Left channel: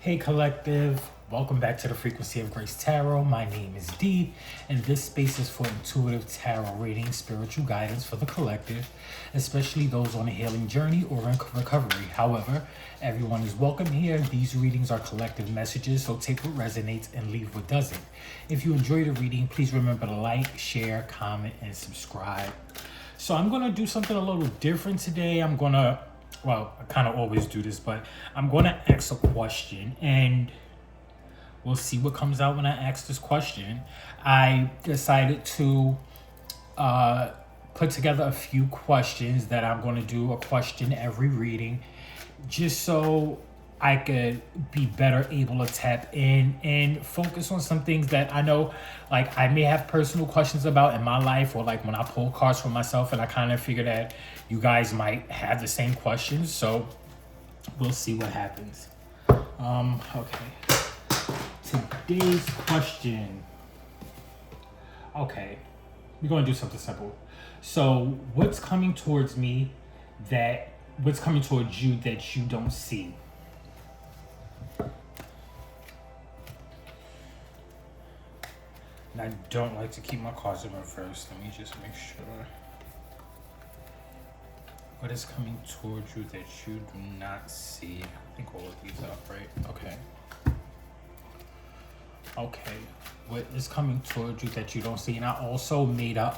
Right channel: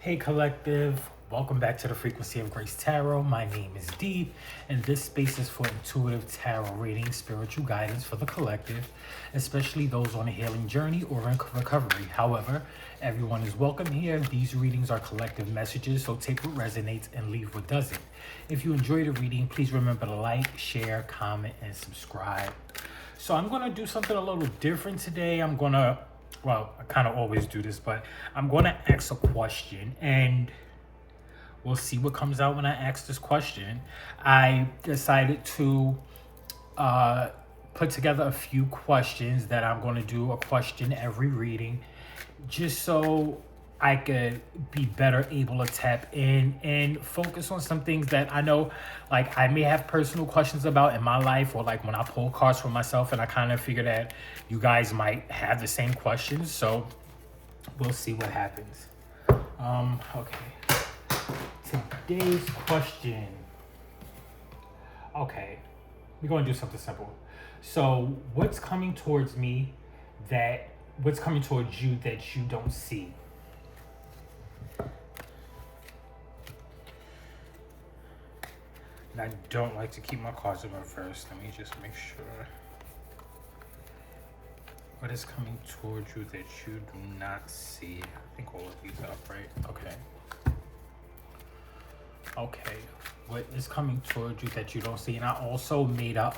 Hey Collective, welcome back to the Frequency of Grace Tarot. My name is Dee, and this space is for intuitive tarot reading, spiritual guidance for the collective, especially those on a healing journey or in recovery. However, everyone is welcome here. These readings are collective messages, so take what resonates and leave what doesn't. If you enjoy the reading, please remember to like, share, comment, and subscribe. So I'm going to do something a little different today. I kind of always do this, but I'm going to ask a question and we'll see what comes out when I ask this question. I decided to put together a few questions that I'm going to do a question every reading just so I could be better able to tap in and focus on some things that I know, like I may have personal questions about in my life, or like when I pull cards for myself, and I kind of figure that you guys might have the same questions. So we'll see what happens. Okay. Today's question. Okay, we're gonna do something simple. So, what's coming towards you that you don't see? And I don't like to keep my cards open first. Let me just make sure. What is coming towards you that you do not see? I think all of these up, right? Okay. What is coming towards you that you don't see? And I also made a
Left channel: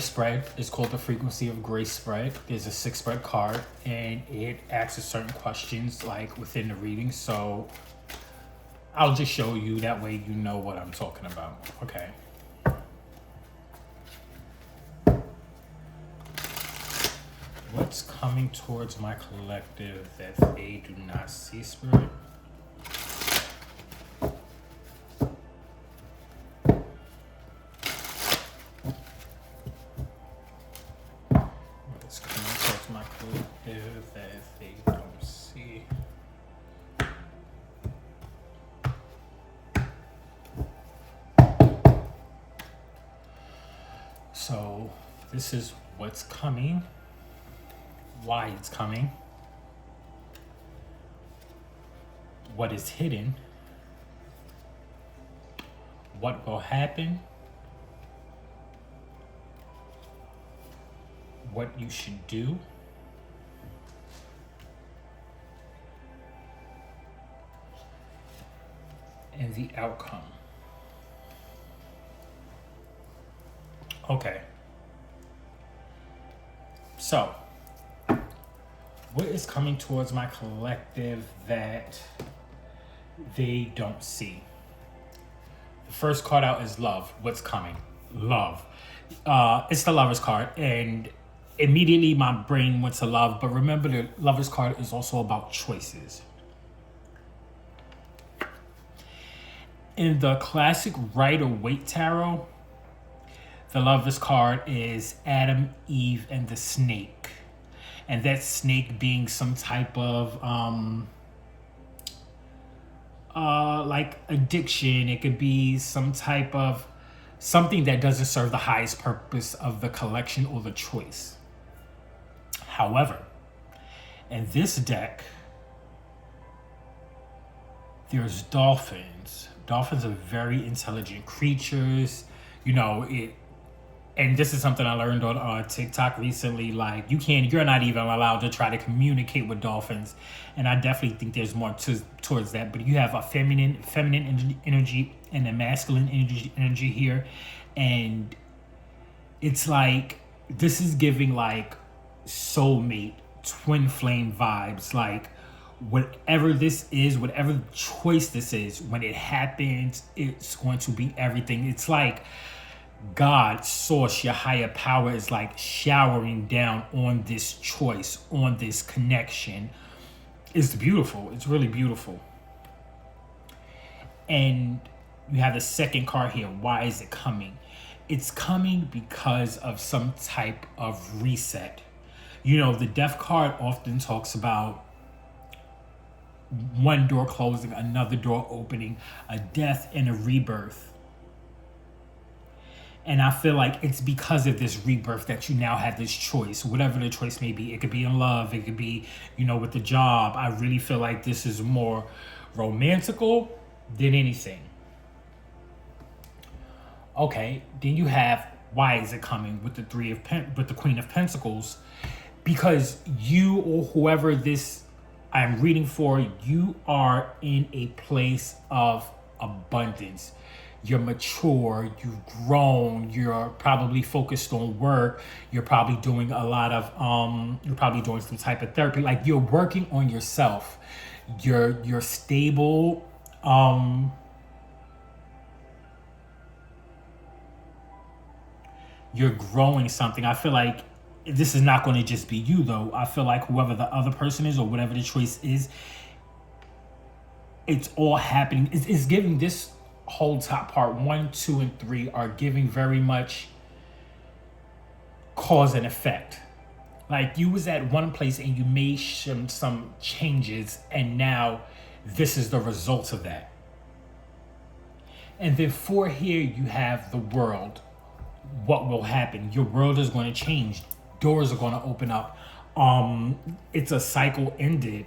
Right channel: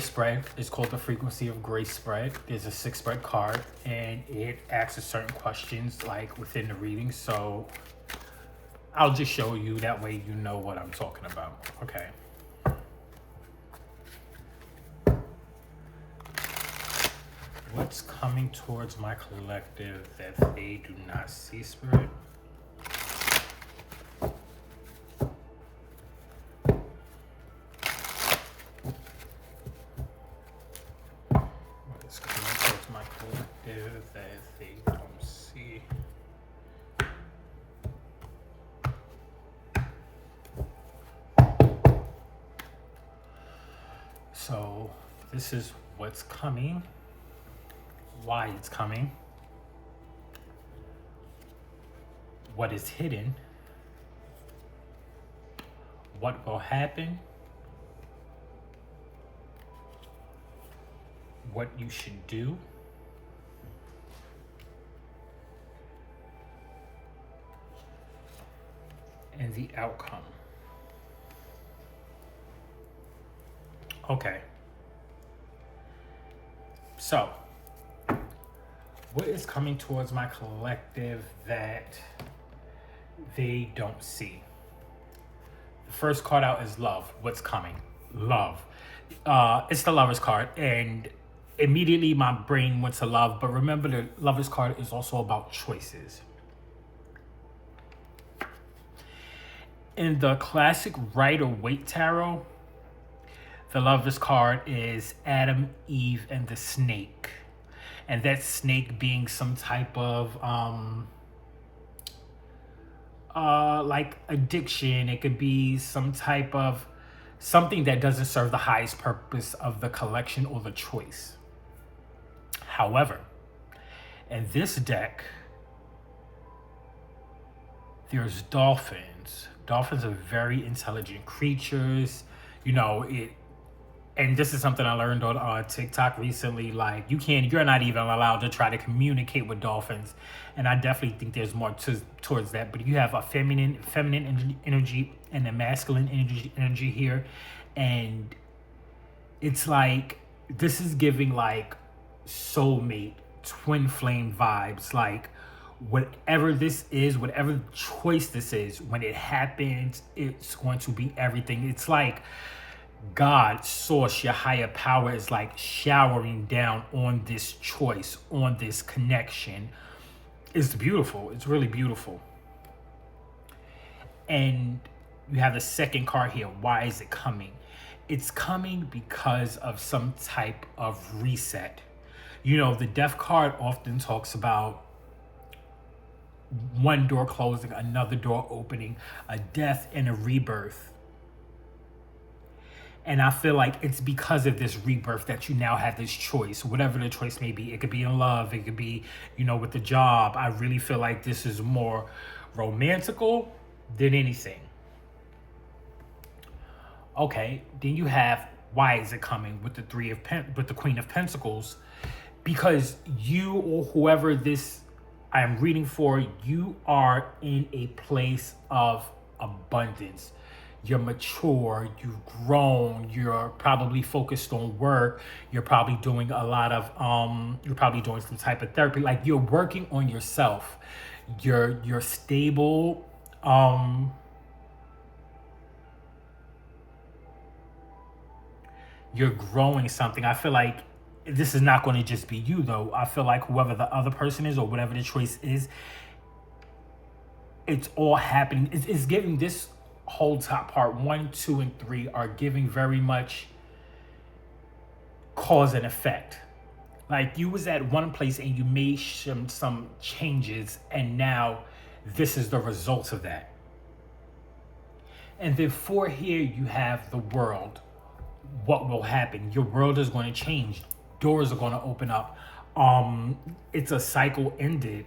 spread. It's called the Frequency of Grace spread. There's a 6 spread card, and it asks certain questions like within the reading. So I'll just show you, that way you know what I'm talking about. Okay. What's coming towards my collective that they do not see, Spirit? What's coming towards my collective that they don't see? So this is what's coming, why it's coming, what is hidden, what will happen, what you should do, and the outcome. Okay. So, what is coming towards my collective that they don't see? The first card out is love. What's coming? Love. It's the Lover's card, and immediately my brain went to love, but remember the Lover's card is also about choices. In the classic Rider-Waite tarot, the Lover's card is Adam, Eve, and the snake. And that snake being some type of like addiction. It could be some type of something that doesn't serve the highest purpose of the collection or the choice. However, in this deck, there's dolphins. Dolphins are very intelligent creatures. And this is something I learned on TikTok recently. Like, you're not even allowed to try to communicate with dolphins, and I definitely think there's more towards that. But you have a feminine energy and a masculine energy here, and it's like this is giving like soulmate, twin flame vibes. Like, whatever this is, whatever choice this is, when it happens, it's going to be everything. It's like God, source, your higher power is like showering down on this choice, on this connection. It's beautiful. It's really beautiful. And you have the second card here. Why is it coming? It's coming because of some type of reset. The Death card often talks about one door closing, another door opening, a death and a rebirth. And I feel like it's because of this rebirth that you now have this choice, whatever the choice may be. It could be in love, it could be, with the job. I really feel like this is more romantical than anything. Okay, then you have, why is it coming with the with the Queen of Pentacles? Because you, or whoever this I'm reading for, you are in a place of abundance. You're mature, you've grown, you're probably focused on work, you're probably doing a lot of you're probably doing some type of therapy. Like, you're working on yourself. You're stable. You're growing something. I feel like this is not going to just be you, though. I feel like whoever the other person is, or whatever the choice is, it's all happening. It's giving this whole top part, 1, 2, and 3 are giving very much cause and effect. Like, you was at one place and you made some changes, and now this is the results of that. And then for here, you have the world. What will happen? Your world is going to change. Doors are going to open up. It's a cycle ended.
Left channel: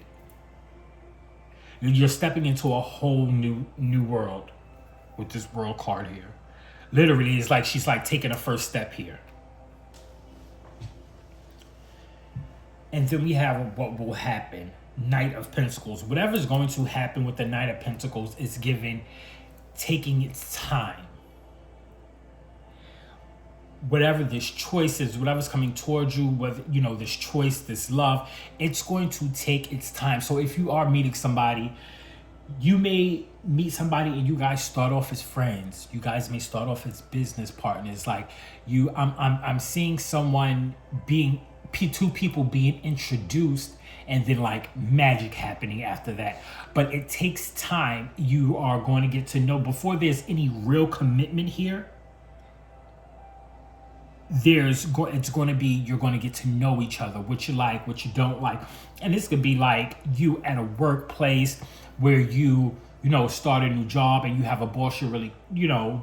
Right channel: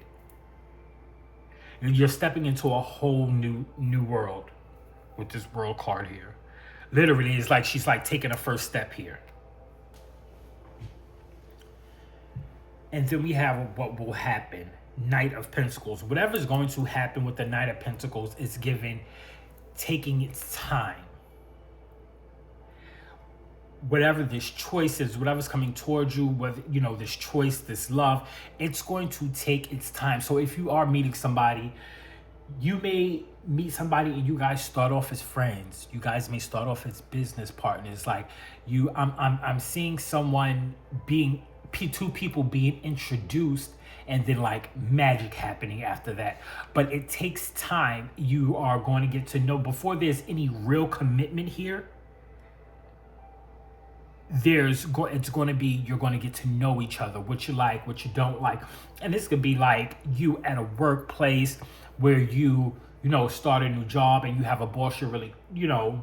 You're stepping into a whole new world with this world card here. Literally, it's like she's like taking a first step here. And then we have what will happen. Knight of Pentacles. Whatever's going to happen with the Knight of Pentacles is taking its time. Whatever this choice is, whatever's coming towards you, whether, this choice, this love, it's going to take its time. So if you are meeting somebody, you may meet somebody and you guys start off as friends. You guys may start off as business partners. Like, I'm seeing someone two people being introduced, and then like magic happening after that. But it takes time. You are going to get to know, before there's any real commitment here, it's going to be, you're going to get to know each other, what you like, what you don't like. And this could be like you at a workplace where you start a new job and you have a boss you really,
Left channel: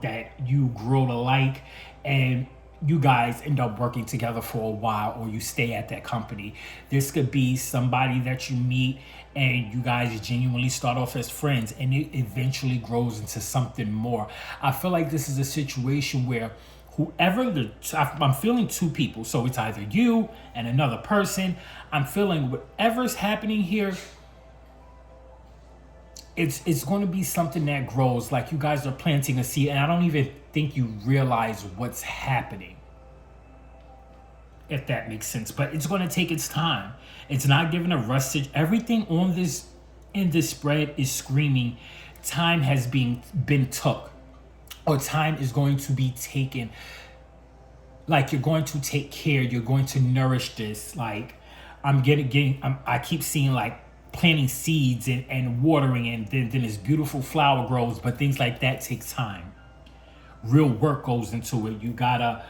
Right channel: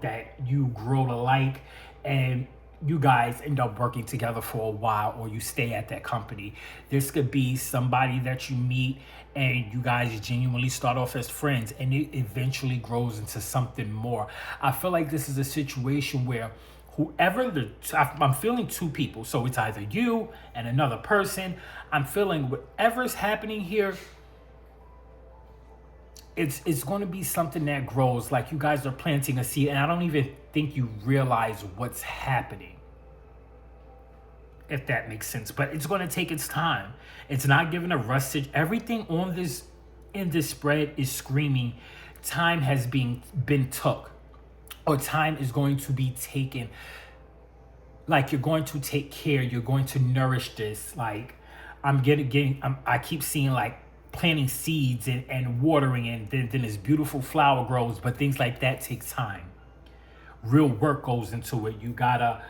that you grow to like, and you guys end up working together for a while, or you stay at that company. This could be somebody that you meet and you guys genuinely start off as friends, and it eventually grows into something more. I feel like this is a situation where I'm feeling two people, so it's either you and another person. I'm feeling whatever's happening here, it's going to be something that grows. Like, you guys are planting a seed, and I don't even think you realize what's happening, if that makes sense. But it's going to take its time. It's not giving a rush. Everything in this spread is screaming time has been took, or time is going to be taken. Like, you're going to take care, you're going to nourish this. Like, I keep seeing like planting seeds and watering, and then this beautiful flower grows. But things like that takes time. Real work goes into it. You gotta,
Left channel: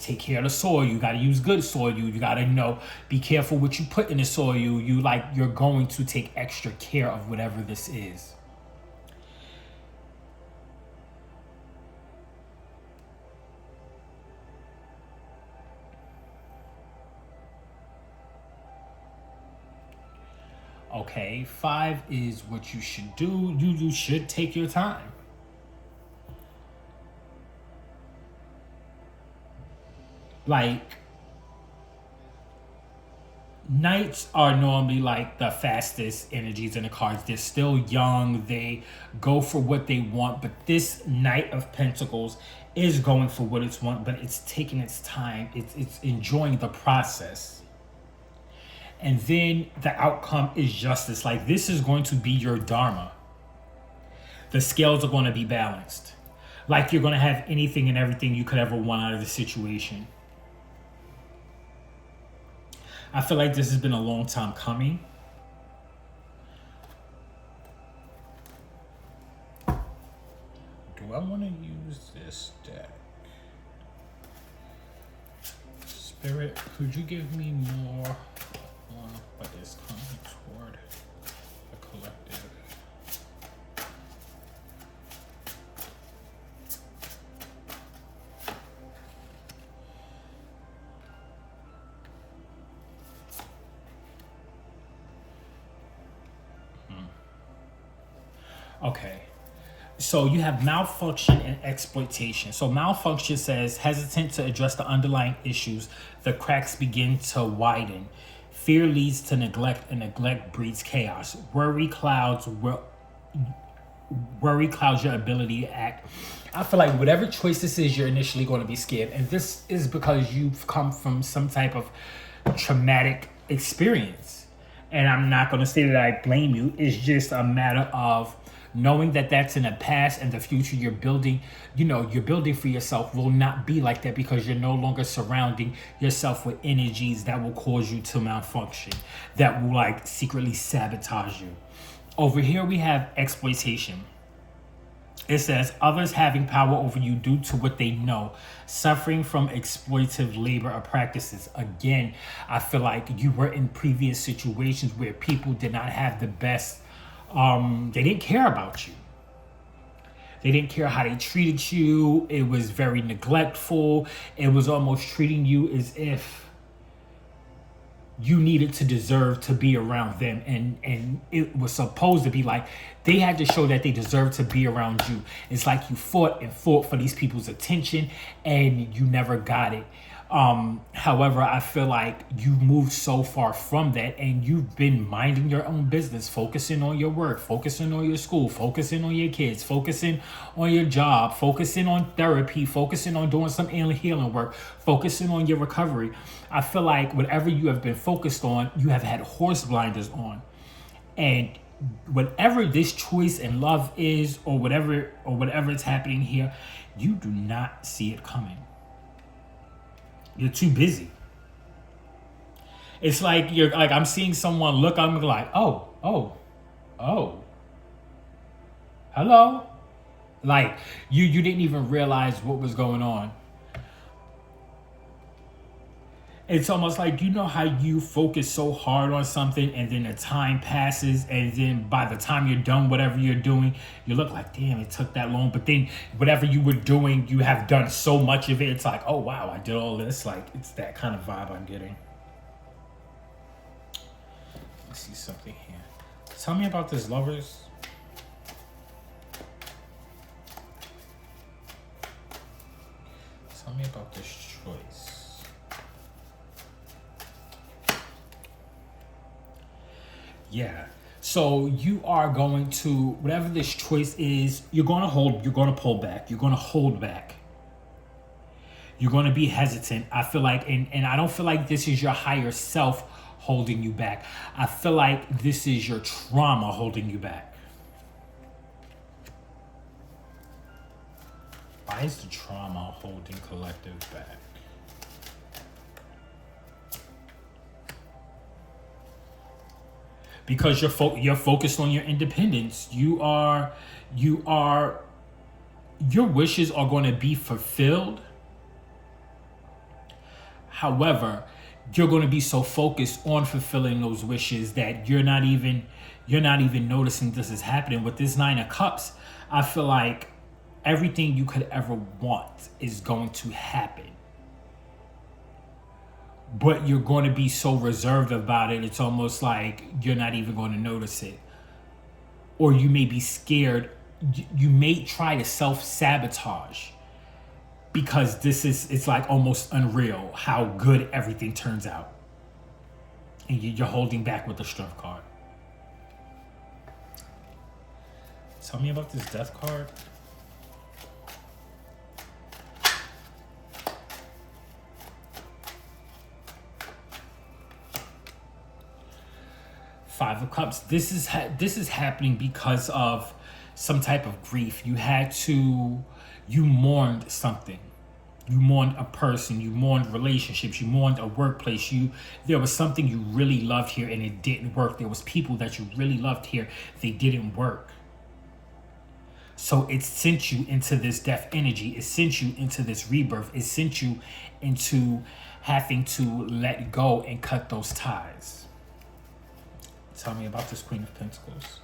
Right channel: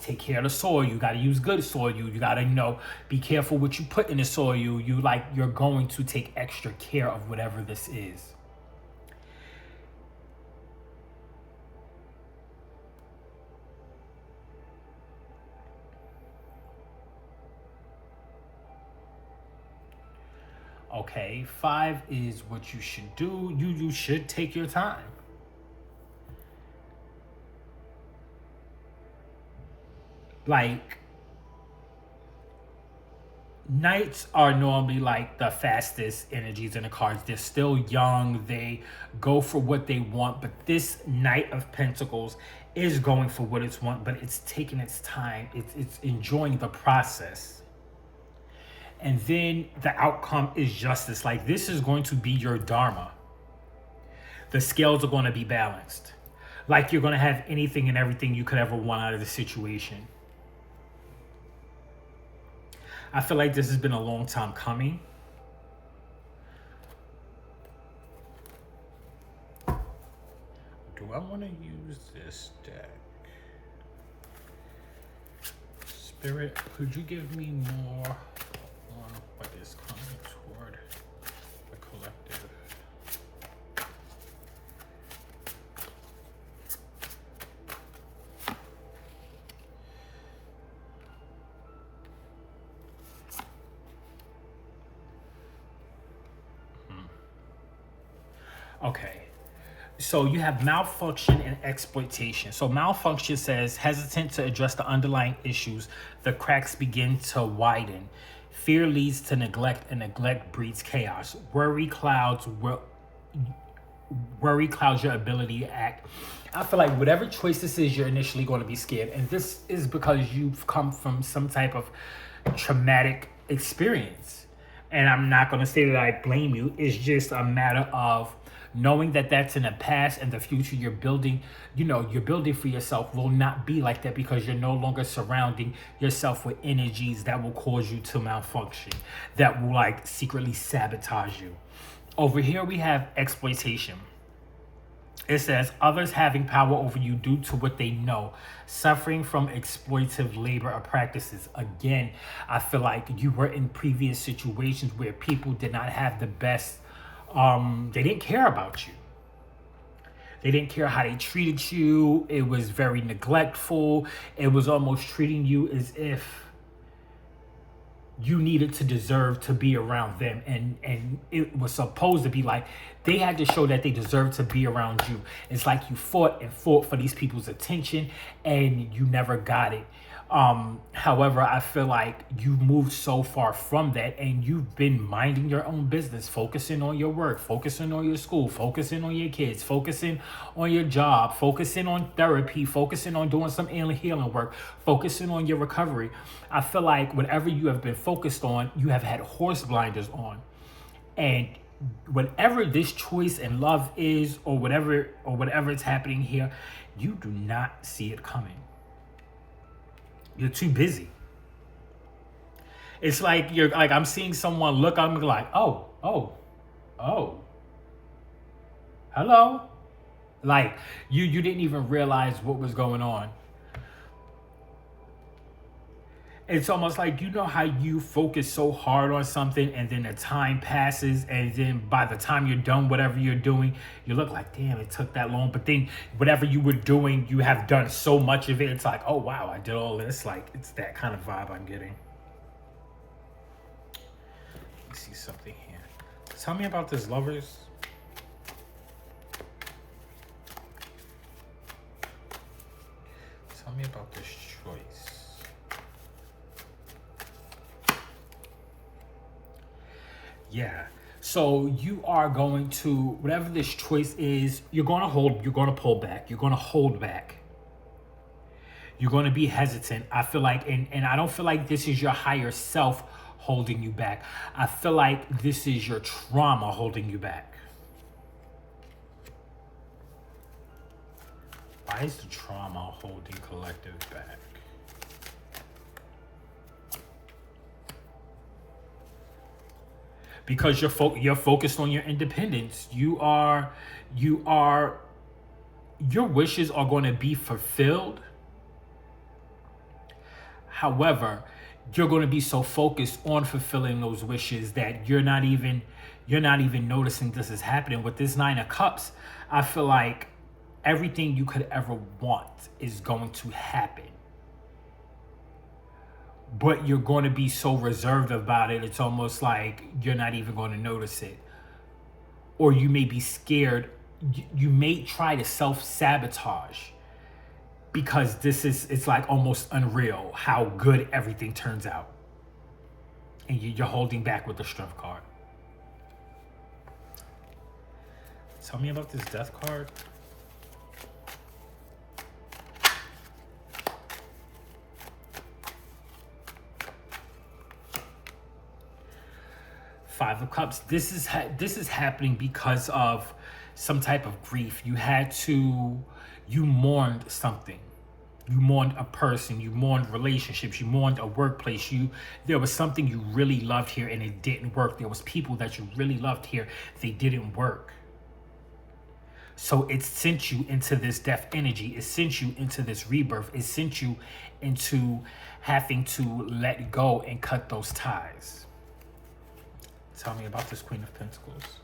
take care of the soil. You gotta use good soil. You gotta, be careful what you put in the soil. You're going to take extra care of whatever this is. Okay, 5 is what you should do. You should take your time. Like, Knights are normally like the fastest energies in the cards. They're still young. They go for what they want. But this Knight of Pentacles is going for what it's want, but it's taking its time. It's enjoying the process. And then the outcome is justice. Like, this is going to be your dharma. The scales are going to be balanced. Like, you're going to have anything and everything you could ever want out of the situation. I feel like this has been a long time coming. Do I want to use this deck? Spirit, could you give me more? But it's coming toward the collective. Okay. So you have malfunction and exploitation. So malfunction says hesitant to address the underlying issues, the cracks begin to widen. Fear leads to neglect, and neglect breeds chaos. Worry clouds your ability to act. I feel like whatever choice this is, you're initially going to be scared, and this is because you've come from some type of traumatic experience. And I'm not going to say that I blame you. It's just a matter of knowing that that's in the past, and the future you're building, you're building for yourself will not be like that, because you're no longer surrounding yourself with energies that will cause you to malfunction, that will like secretly sabotage you. Over here we have exploitation. It says others having power over you due to what they know, suffering from exploitative labor or practices. Again, I feel like you were in previous situations where people did not have the best, they didn't care about you. They didn't care how they treated you. It was very neglectful. It was almost treating you as if you needed to deserve to be around them, and it was supposed to be like they had to show that they deserved to be around you. It's like you fought and fought for these people's attention and you never got it. However, I feel like you moved so far from that, and you've been minding your own business, focusing on your work, focusing on your school, focusing on your kids, focusing on your job, focusing on therapy, focusing on doing some healing work, focusing on your recovery. I feel like whatever you have been focused on, you have had horse blinders on. And whatever this choice in love is, or whatever is happening here, you do not see it coming. You're too busy. It's like I'm seeing someone look, I'm like, oh, hello. Like you didn't even realize what was going on. It's almost like, how you focus so hard on something, and then the time passes, and then by the time you're done whatever you're doing, you look like, damn, it took that long. But then whatever you were doing, you have done so much of it. It's like, oh wow, I did all this. Like, it's that kind of vibe I'm getting. Let's see something here. Tell me about this, lovers. Tell me about this choice. Yeah. So you are going to, whatever this choice is, you're going to pull back. You're going to hold back. You're going to be hesitant. I feel like, and I don't feel like this is your higher self holding you back. I feel like this is your trauma holding you back. Why is the trauma holding collective back? Because you're focused on your independence. Your wishes are going to be fulfilled. However, you're going to be so focused on fulfilling those wishes that you're not even noticing this is happening. With this Nine of Cups, I feel like everything you could ever want is going to happen. But you're going to be so reserved about it, it's almost like you're not even going to notice it. Or you may be scared. You may try to self-sabotage, because it's like almost unreal how good everything turns out. And you're holding back with the Strength card. Tell me about this Death card. Five of Cups. This is happening because of some type of grief. You mourned something. You mourned a person. You mourned relationships. You mourned a workplace. There was something you really loved here and it didn't work. There was people that you really loved here. They didn't work. So it sent you into this death energy. It sent you into this rebirth. It sent you into having to let go and cut those ties. Tell me about this Queen of Pentacles.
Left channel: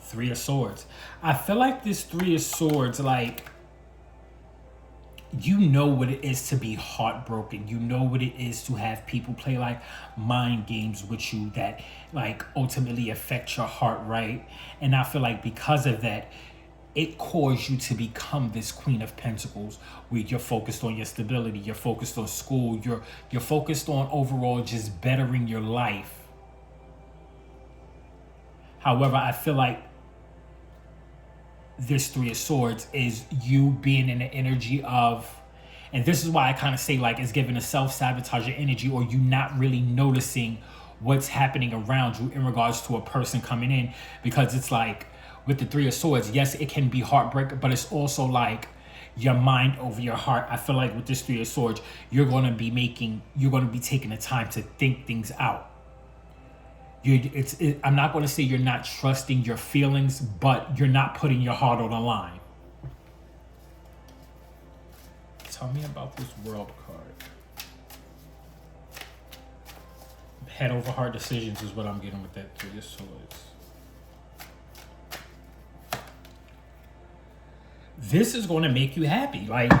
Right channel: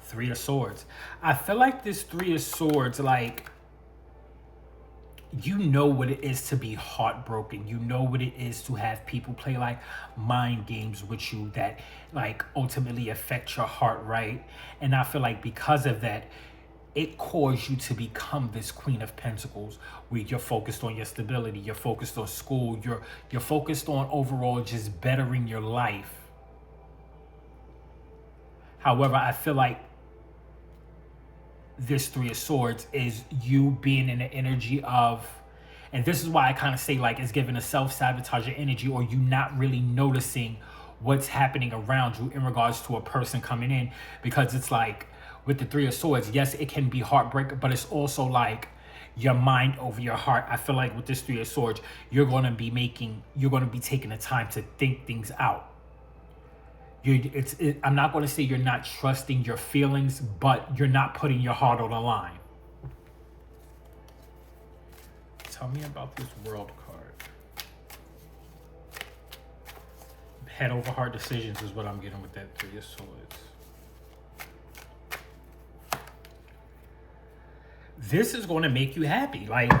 Three of Swords. I feel like this Three of Swords, like, you know what it is to be heartbroken. You know what it is to have people play like mind games with you that like ultimately affect your heart, right? And I feel like because of that, it caused you to become this Queen of Pentacles, where you're focused on your stability, you're focused on school, you're focused on overall just bettering your life. However, I feel like this Three of Swords is you being in the energy of, and this is why I kind of say like it's giving a self-sabotaging energy, or you not really noticing what's happening around you in regards to a person coming in, because it's like with the Three of Swords, yes, it can be heartbreak, but it's also like your mind over your heart. I feel like with this Three of Swords, you're going to be taking the time to think things out. I'm not going to say you're not trusting your feelings, but you're not putting your heart on the line. Tell me about this World card. Head over heart decisions is what I'm getting with that Three of Swords. This is going to make you happy. Like,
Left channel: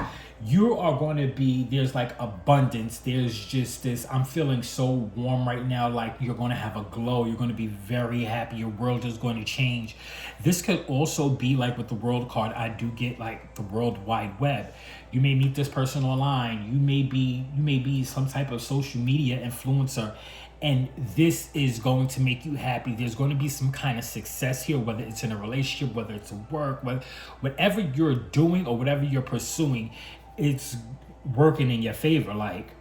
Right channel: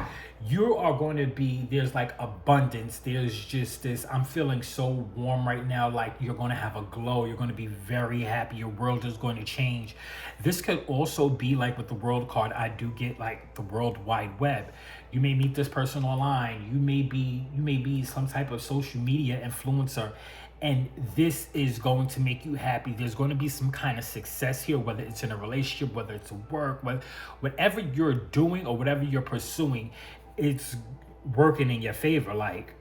you are going to be, there's like abundance. There's just this, I'm feeling so warm right now. Like, you're going to have a glow. You're going to be very happy. Your world is going to change. This could also be like with the World card. I do get like the World Wide Web. You may meet this person online. You may be some type of social media influencer. And this is going to make you happy. There's going to be some kind of success here, whether it's in a relationship, whether it's at work, whatever you're doing or whatever you're pursuing, it's working in your favor. Like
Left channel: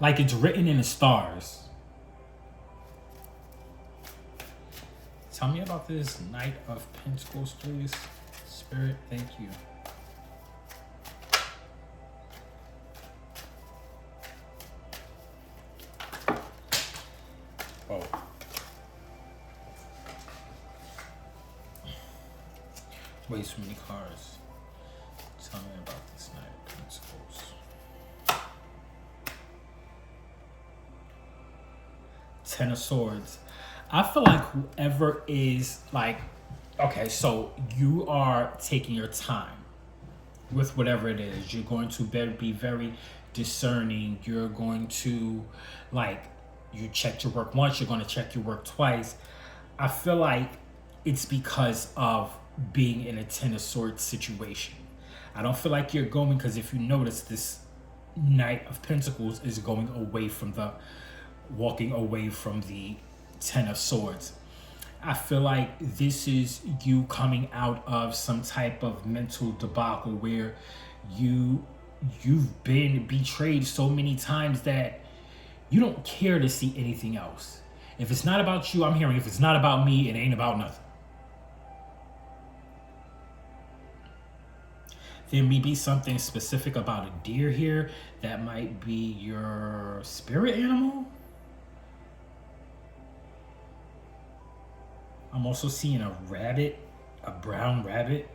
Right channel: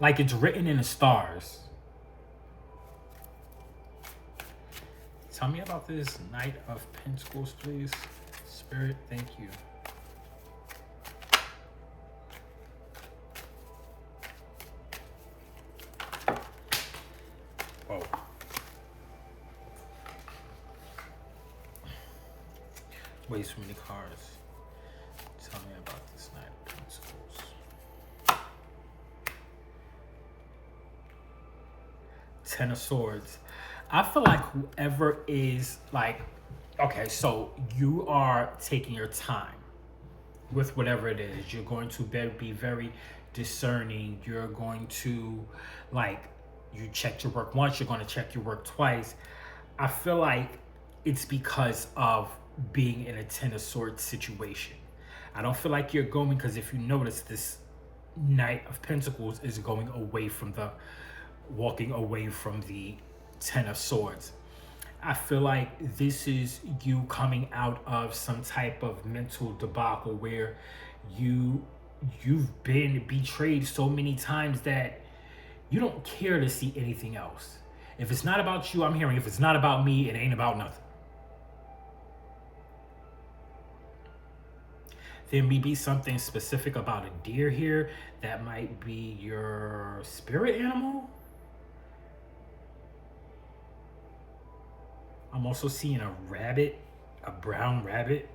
it's written in the stars. Tell me about this Knight of Pentacles, please. Spirit, thank you. Way too many cards. Tell me about this Knight of Pentacles. Ten of Swords. I feel like whoever is like, okay, so you are taking your time with whatever it is. You're going to be very discerning. You're going to, like, you checked your work once, you're going to check your work twice. I feel like it's because of being in a Ten of Swords situation. I don't feel like you're going, because if you notice, this Knight of Pentacles is going away from walking away from the Ten of Swords. I feel like this is you coming out of some type of mental debacle where you've been betrayed so many times that you don't care to see anything else. If it's not about you, I'm hearing, if it's not about me, it ain't about nothing. There may be something specific about a deer here that might be your spirit animal. I'm also seeing a rabbit, a brown rabbit.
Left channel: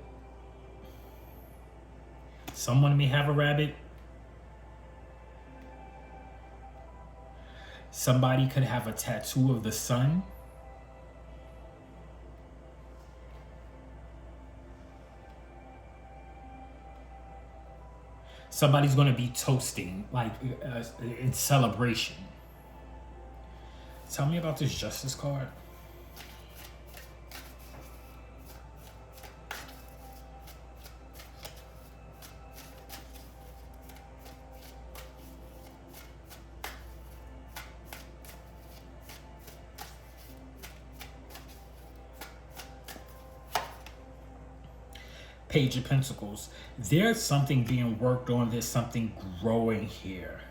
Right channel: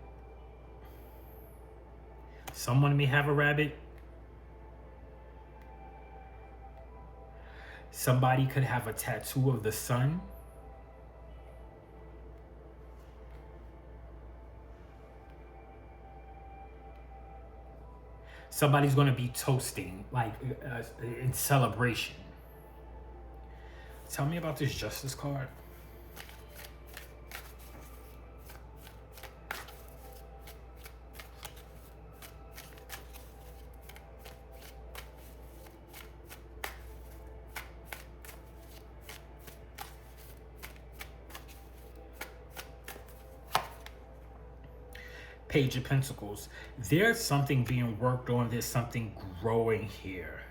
Someone may have a rabbit. Somebody could have a tattoo of the sun. Somebody's going to be toasting, like in celebration. Tell me about this Justice card. Page of Pentacles. There's something being worked on. There's something growing here.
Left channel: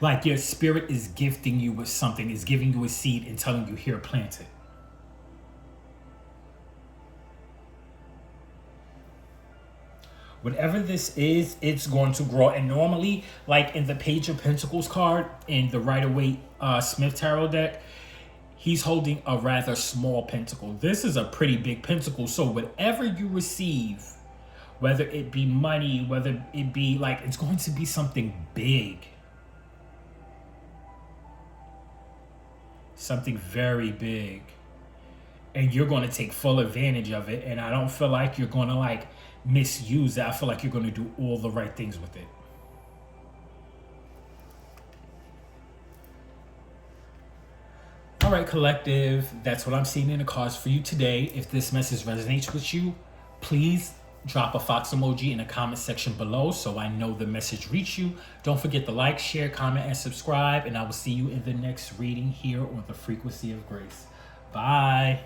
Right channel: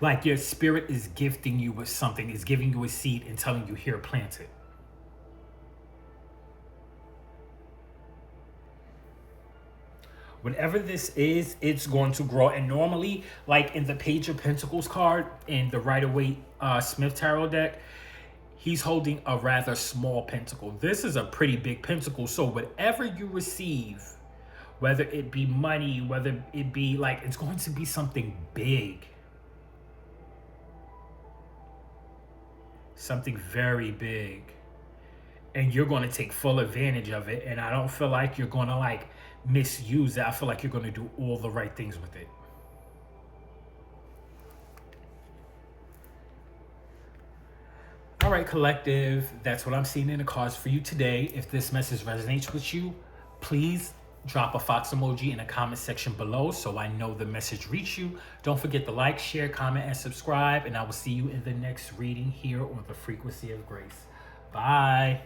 Like your spirit is gifting you with something, is giving you a seed and telling you, here, plant it. Whatever this is, it's going to grow. And normally, like in the Page of Pentacles card in the Rider-Waite Smith Tarot deck, he's holding a rather small pentacle. This is a pretty big pentacle. So whatever you receive, whether it be money, whether it be like, it's going to be something big. Something very big. and you're going to take full advantage of it. And I don't feel like you're going to like misuse it. I feel like you're going to do all the right things with it. All right, collective, that's what I'm seeing in the cards for you today. If this message resonates with you, please drop a fox emoji in the comment section below so I know the message reached you. Don't forget to like, share, comment, and subscribe, and I will see you in the next reading here on the Frequency of Grace. Bye.